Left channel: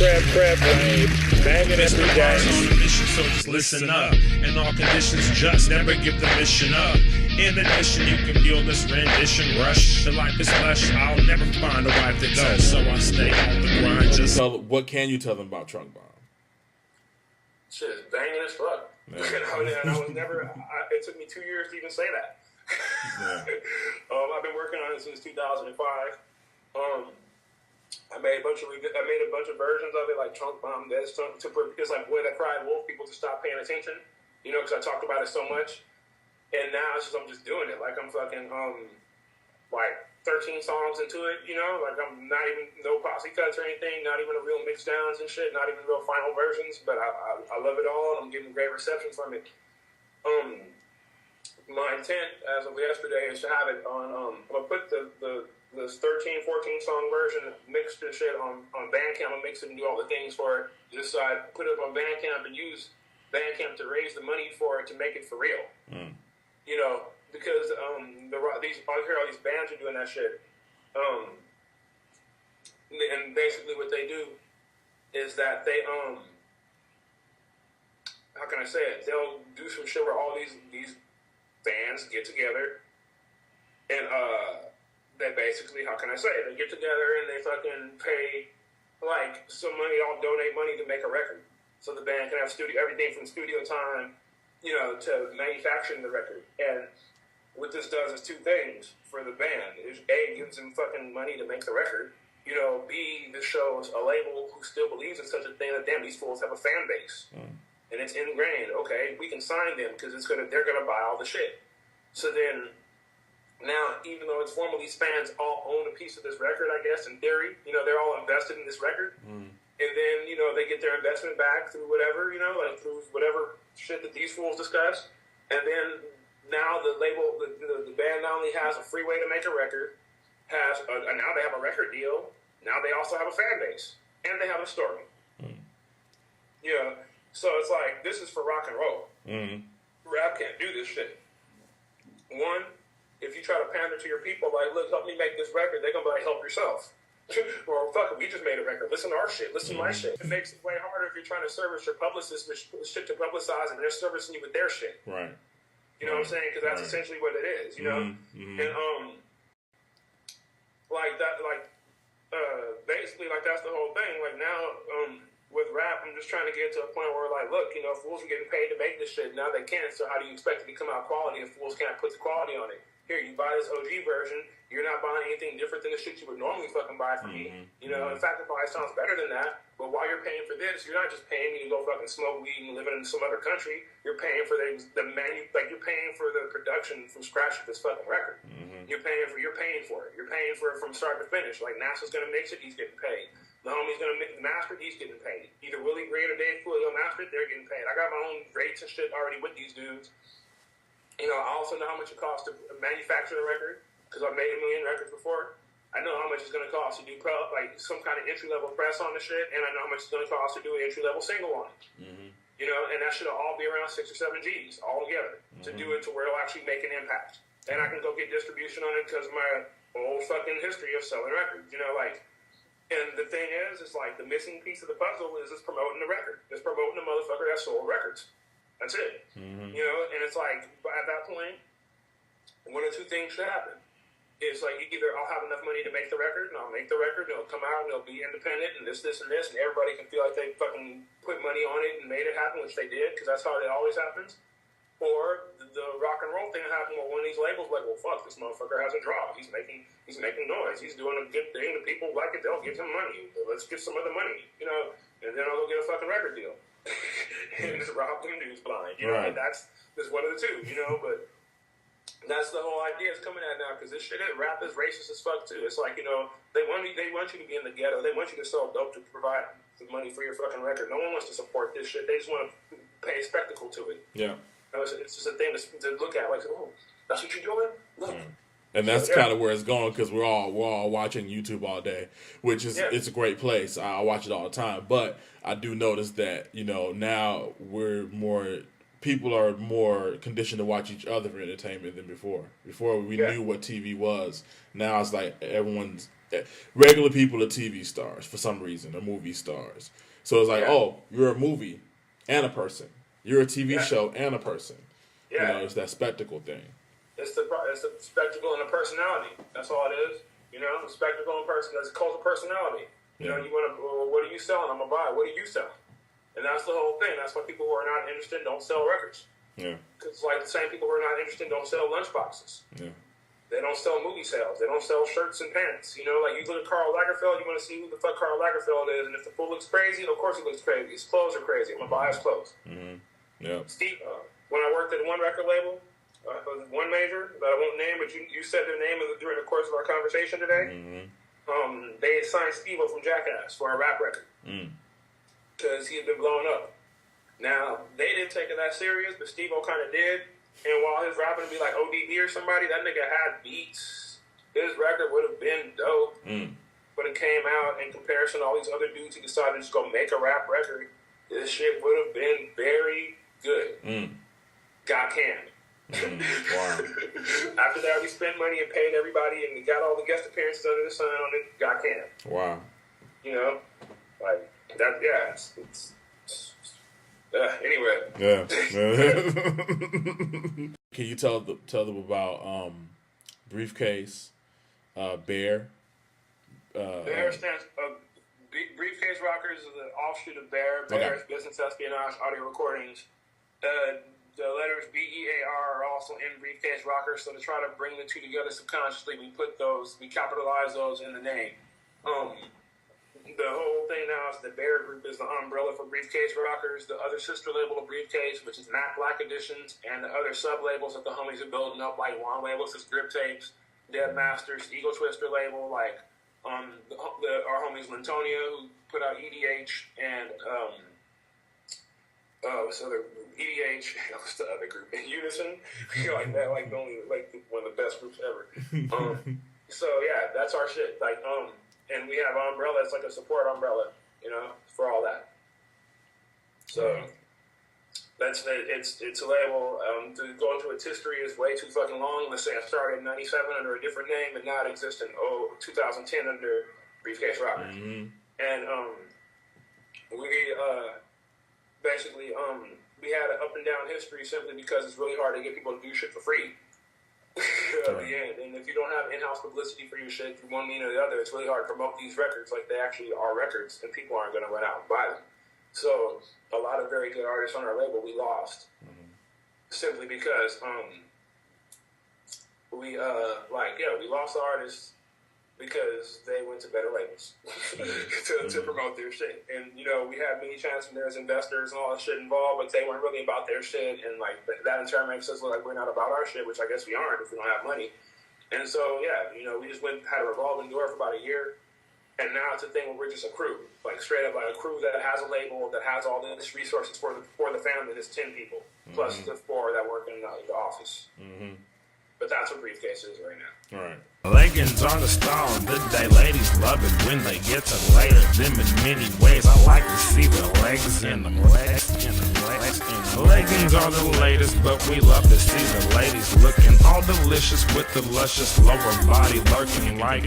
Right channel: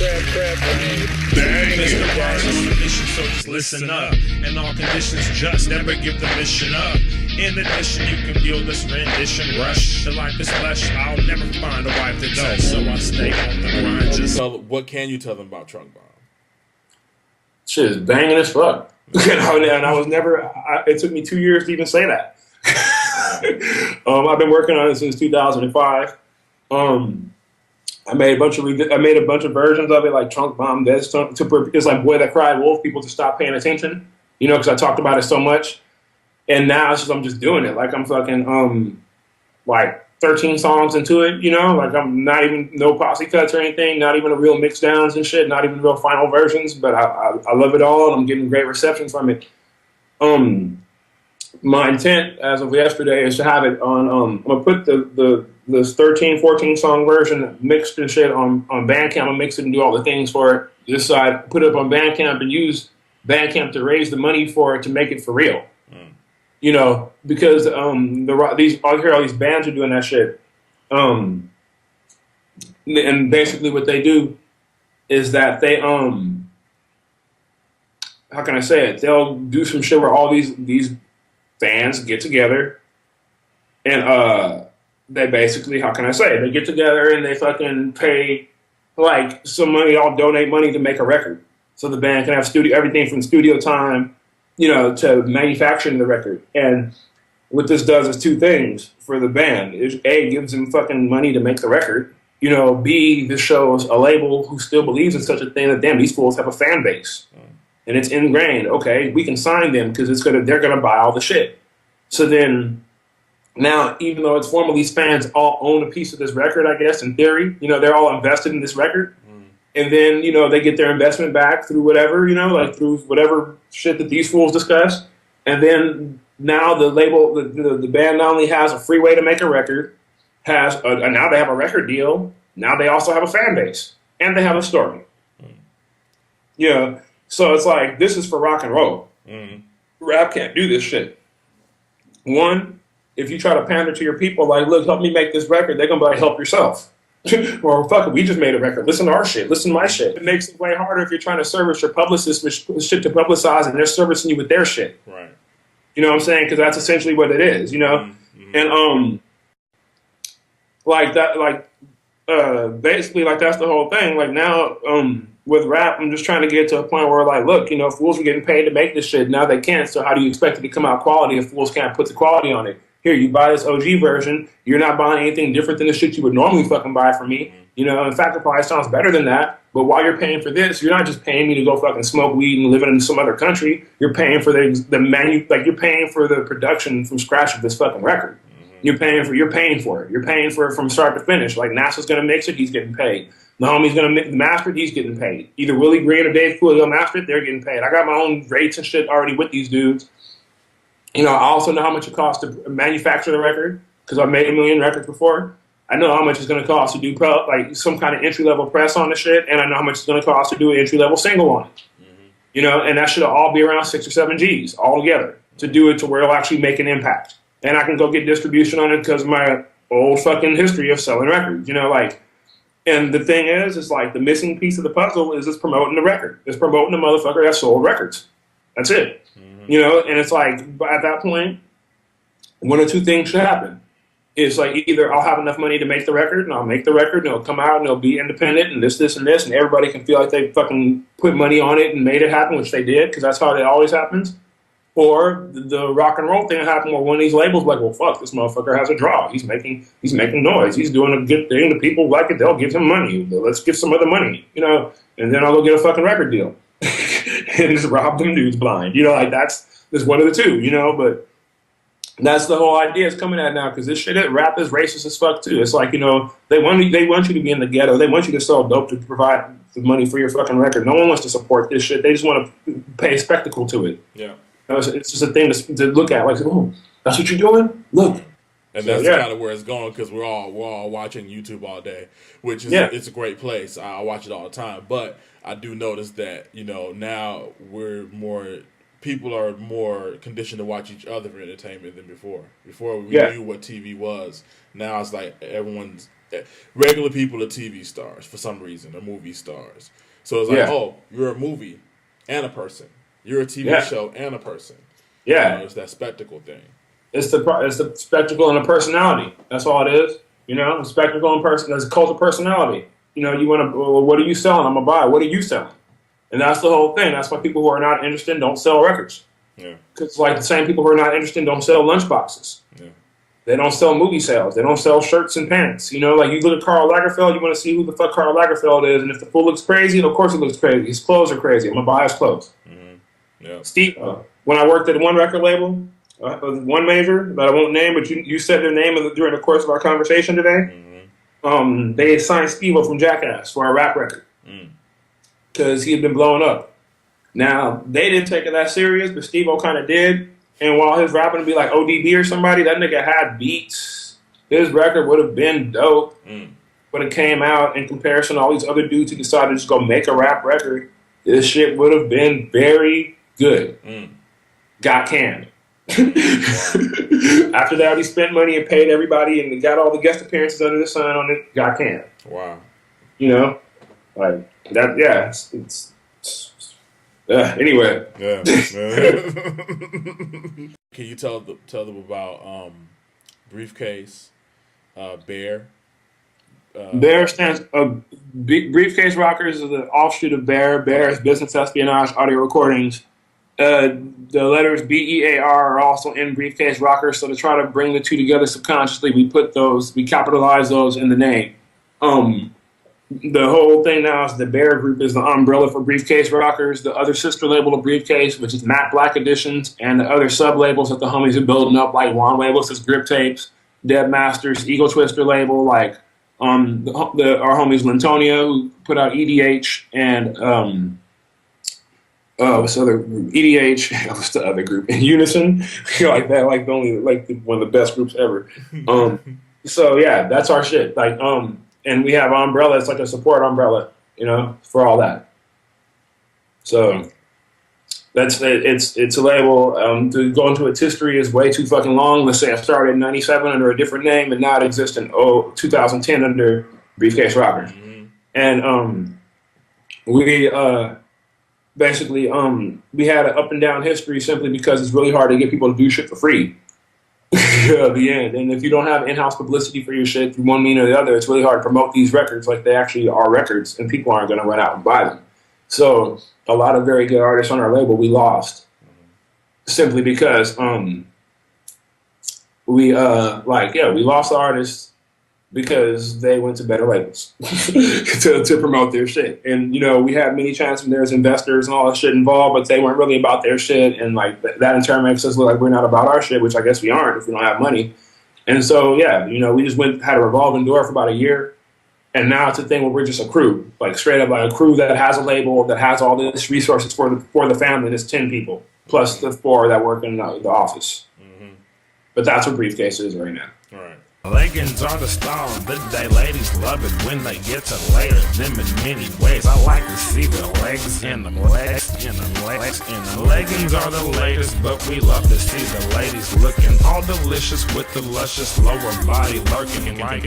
So just listen up. In all conditions, just never give the mission up. In addition, you can feel this rendition rush. The life is flesh. I'll never find a wife that does. So I stay on the grind. What can you tell them about Trunk Bomb? Shit is banging as fuck. And I was never. It took me 2 years to even say that. I've been working on it since 2005. I made a bunch of versions of it, like Trunk Bomb. It's like Boy That Cried Wolf. People just stop paying attention, because I talked about it so much. And now I'm just doing it. Like I'm fucking like 13 songs into it. Like I'm not even no posse cuts or anything. Not even a real mix downs and shit. Not even real final versions. But I love it all, and I'm getting great reception from it. My intent as of yesterday is to have it on. I'm gonna put this 13, 14 song version mixed and shit on Bandcamp. I'll mix it and do all the things for it. This side, put it up on Bandcamp and use Bandcamp to raise the money for it to make it for real. Because I hear all these bands are doing that shit. And basically what they do is that they how can I say it? They'll do some shit where all these bands get together and they basically, how can I say it? They get together and they fucking pay like some money, all donate money to make a record. So the band can have everything from studio time, to manufacturing the record. And what this does is two things for the band. A, gives them fucking money to make the record. B, this shows a label who still believes in such a thing that, damn, these fools have a fan base. And it's ingrained. Okay, we can sign them because they're gonna buy all the shit. So then, now, even though it's formal, these fans all own a piece of this record, I guess, in theory. They're all invested in this record. And then, they get their investment back through whatever, like through whatever shit that these fools discuss. And then now the label, the band not only has a free way to make a record, now they have a record deal. Now they also have a fan base. And they have a story. So it's like, this is for rock and roll. Rap can't do this shit. One, if you try to pander to your people, like, look, help me make this record, they're going to be like, help yourself. Or, fuck it, we just made a record. Listen to our shit. Listen to my shit. It makes it way harder if you're trying to service your publicist with shit to publicize and they're servicing you with their shit. Right. You know what I'm saying? Because that's essentially what it is, And, like that, basically, like, that's the whole thing. Like, now, with rap, I'm just trying to get to a point where, like, look, fools are getting paid to make this shit. Now they can't, so how do you expect it to come out quality if fools can't put the quality on it? Here, you buy this OG version, you're not buying anything different than the shit you would normally fucking buy from me. In fact, it probably sounds better than that. But while you're paying for this, you're not just paying me to go fucking smoke weed and live in some other country. You're paying for you're paying for the production from scratch of this fucking record. You're paying for it. You're paying for it from start to finish. Like, NASA's gonna mix it, he's getting paid. The homie's gonna master it, he's getting paid. Either Willie Green or Dave Cooley will master it, they're getting paid. I got my own rates and shit already with these dudes. I also know how much it costs to manufacture the record because I've made 1 million records before. I know how much it's going to cost to do some kind of entry-level press on the shit, and I know how much it's going to cost to do an entry-level single on it. And that should all be around 6 or 7 G's all together to do it to where it'll actually make an impact. And I can go get distribution on it because of my old fucking history of selling records, And the thing is, it's like the missing piece of the puzzle is it's promoting the record. It's promoting the motherfucker that sold records. That's it. And it's like, at that point, one or two things should happen. It's like, either I'll have enough money to make the record, and I'll make the record, and it'll come out, and it'll be independent, and this, and this, and everybody can feel like they fucking put money on it and made it happen, which they did, because that's how it always happens. Or the rock and roll thing happened where one of these labels like, well, fuck, this motherfucker has a draw. He's making noise. He's doing a good thing. The people like it. They'll give him money. Let's give some other money, and then I'll go get a fucking record deal. And just rob them dudes blind. That's one of the two, but that's the whole idea it's coming at now, because this shit, rap is racist as fuck too. It's like, they want you to be in the ghetto. They want you to sell dope to provide the money for your fucking record. No one wants to support this shit. They just want to pay a spectacle to it. Yeah. It's just a thing to look at. Like, oh, that's what you're doing? Look. And that's kind of where it's going, because we're all watching YouTube all day, which is it's a great place. I watch it all the time, but I do notice that now people are more conditioned to watch each other for entertainment than before. Before we knew what TV was. Now it's like everyone's regular people are TV stars for some reason, or movie stars. So it's like, oh, you're a movie and a person. You're a TV show and a person. Yeah. You know, it's that spectacle thing. It's the spectacle and a personality. That's all it is. You know, a spectacle and person. There's a cult of personality. You know, you want to. Well, what are you selling? I'm gonna buy. What are you selling? And that's the whole thing. That's why people who are not interested don't sell records. Yeah. Because like the same people who are not interested don't sell lunchboxes. Yeah. They don't sell movie sales. They don't sell shirts and pants. You know, like you look at Karl Lagerfeld, you want to see who the fuck Karl Lagerfeld is, and if the fool looks crazy, of course he looks crazy. His clothes are crazy. I'm gonna buy his clothes. Mm-hmm. Yeah. Steve, when I worked at one record label, one major that I won't name, but you said their name during the course of our conversation today. Mm-hmm. They signed Steve-O from Jackass for our rap record because he had been blowing up. Now they didn't take it that serious, but Steve-O kind of did. And while his rapping would be like ODB or somebody, that nigga had beats. His record would have been dope. When it came out in comparison to all these other dudes who decided to just go make a rap record, this shit would have been very good. Got canned. After that, he spent money and paid everybody and got all the guest appearances under the sun on it. Got canned. Wow. You know, like that. Yeah. Anyway. Yeah. Can you tell them about Briefcase, B.E.A.R? B.E.A.R stands. Briefcase Rockers is an offshoot of B.E.A.R. B.E.A.R is Business Espionage Audio Recordings. The letters B.E.A.R are also in Briefcase Rockers, so to try to bring the two together subconsciously, we capitalize those in the name. The whole thing now is the B.E.A.R group is the umbrella for Briefcase Rockers, the other sister label of Briefcase, which is Matte Black Editions, and the other sub-labels that the homies are building up, like Juan Labels, Grip Tapes, Dead Masters, Eagle Twister label, like our homies Lintonia, who put out EDH, and what's the other group? EDH, what's the other group? Unison, like that, like one of the best groups ever. So yeah, that's our shit. Like and we have umbrella. It's like a support umbrella, you know, for all that. So that's it. It's a label. To go into its history is way too fucking long. Let's say I started in '97 under a different name, and now it exists in 2010 under Briefcase Rockers. And we basically we had an up and down history simply because it's really hard to get people to do shit for free. At the end, and if you don't have in-house publicity for your shit, through one means or the other, it's really hard to promote these records like they actually are records, and people aren't going to run out and buy them. So a lot of very good artists on our label we lost simply because we lost artists because they went to better labels to promote their shit. And, you know, we had many chances when there's investors and all that shit involved, but they weren't really about their shit. And, like, that in turn makes us look like we're not about our shit, which I guess we aren't if we don't have money. And so, yeah, you know, we just had a revolving door for about a year. And now it's a thing where we're just a crew, like straight up like a crew that has a label, that has all these resources for the family. There's 10 people, plus the 4 that work in the office. But that's what Briefcase is right now. All right. Leggings on the stone, the day ladies love it when they get to later them in many ways. I like to see the legs in them, legs in them, legs in them. Leggings are the latest, but we love to see the ladies looking all delicious with the luscious lower body lurking like